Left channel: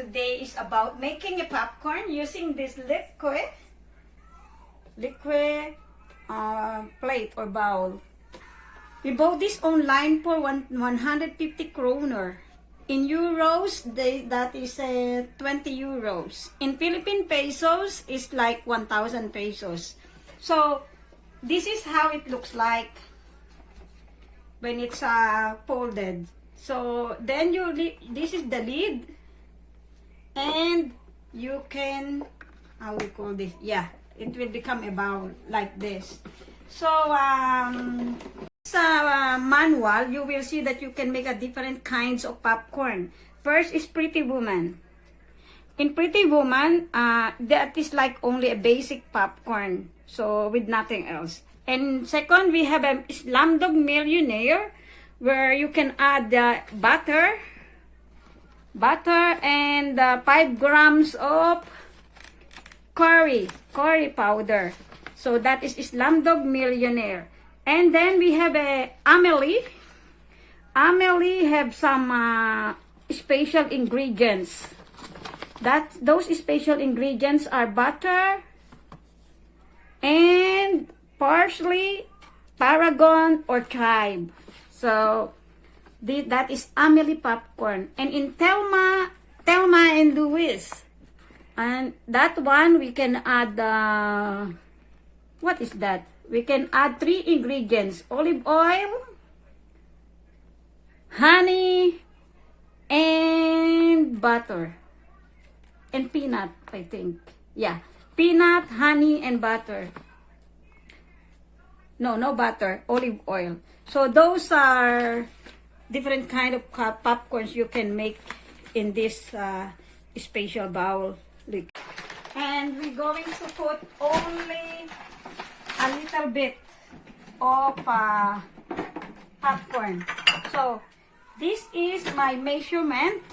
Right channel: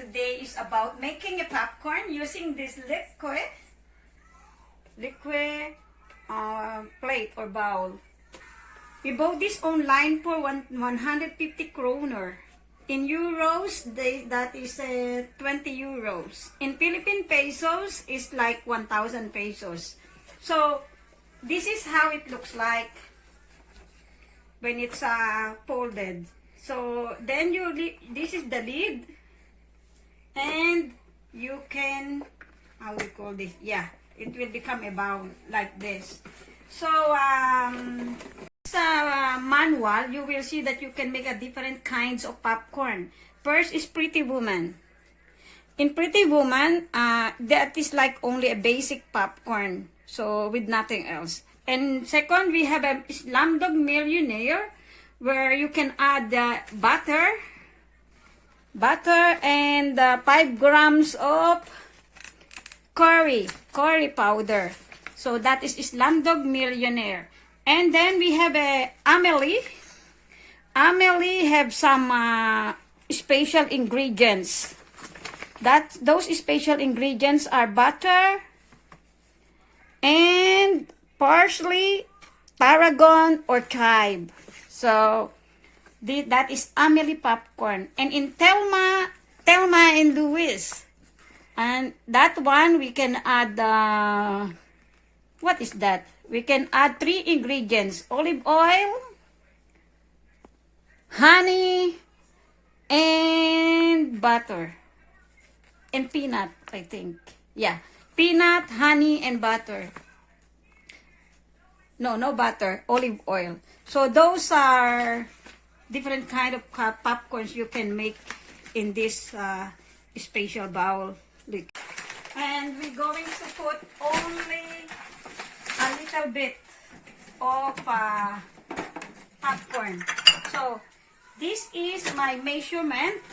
today is about making a popcorn using this LEKUE plate or bowl. We bought this online for 150 kroner. In euros, that is 20 euros. In Philippine pesos, is like 1,000 pesos. So, this is how it looks like when it's folded. So, then this is the lid. And you can, how we call this? Yeah, it will become a bowl like this. So, sa manual, you will see that you can make a different kinds of popcorn. First is Pretty Woman. In Pretty Woman, that is like only a basic popcorn, so with nothing else. And second, we have a Slumdog Millionaire, where you can add butter and 5 grams of curry powder. So that is Slumdog Millionaire. And then we have a Amelie. Amelie have some special ingredients. Those special ingredients are butter and parsley, tarragon, or chive. So that is Amelie popcorn. And in Thelma and Louise, and that one we can add what is that? We can add 3 ingredients: olive oil, honey, and butter. And peanut, I think. Yeah. Peanut, honey, and butter. No butter. Olive oil. So those are different kind of popcorns you can make in this special bowl. And we're going to put only a little bit of popcorn. So this is my measurement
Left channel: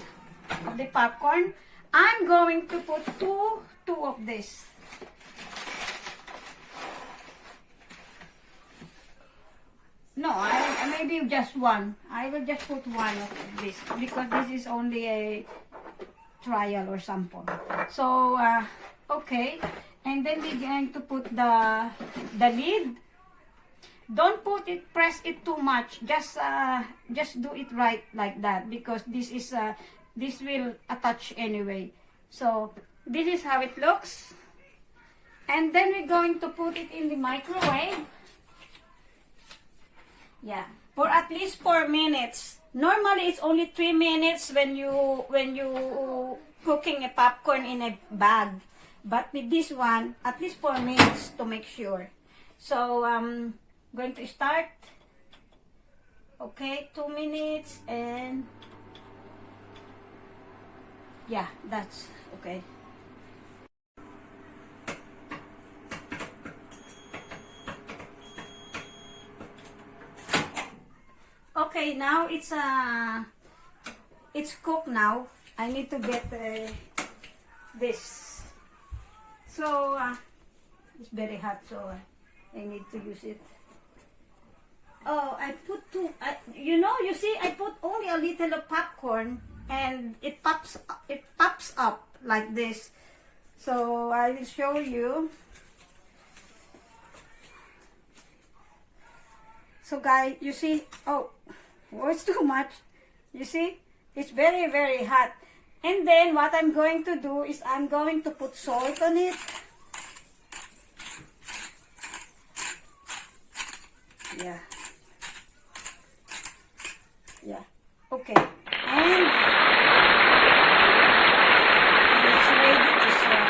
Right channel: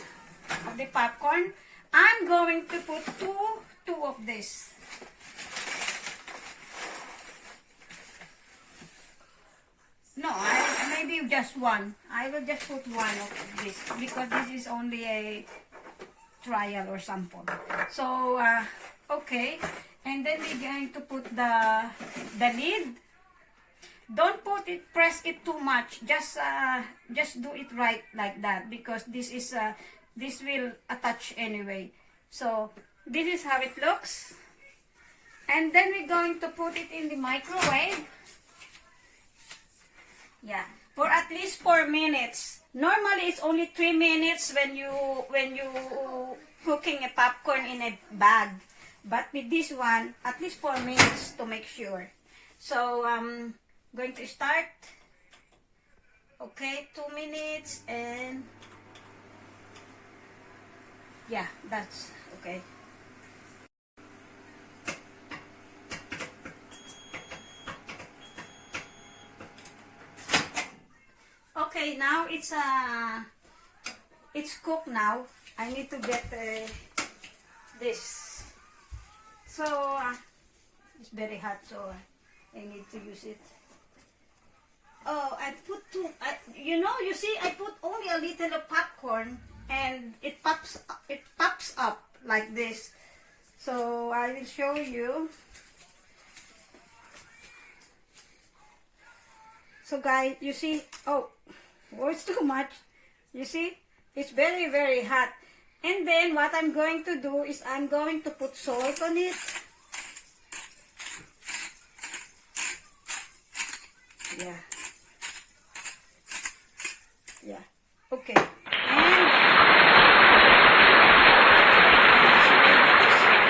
of the popcorn. I'm going to put two of this. No, maybe just one. I will just put one of this because this is only a trial or sample. So okay. And then we're going to put the lid. Don't press it too much. Just do it right like that, because this will attach anyway. So this is how it looks. And then we're going to put it in the microwave. Yeah, for at least 4 minutes. Normally it's only 3 minutes when you cooking a popcorn in a bag. But with this one, at least 4 minutes to make sure. So, I'm going to start. Okay, 2 minutes and... yeah, that's okay. Okay, now it's cooked now. I need to get this. So, it's very hot, so I need to use it. Oh, I put two. You see, I put only a little of popcorn, and it pops up like this. So I will show you. So guys, you see, oh, it's too much. You see, it's very, very hot. And then what I'm going to do is I'm going to put salt on it. Yeah. Okay.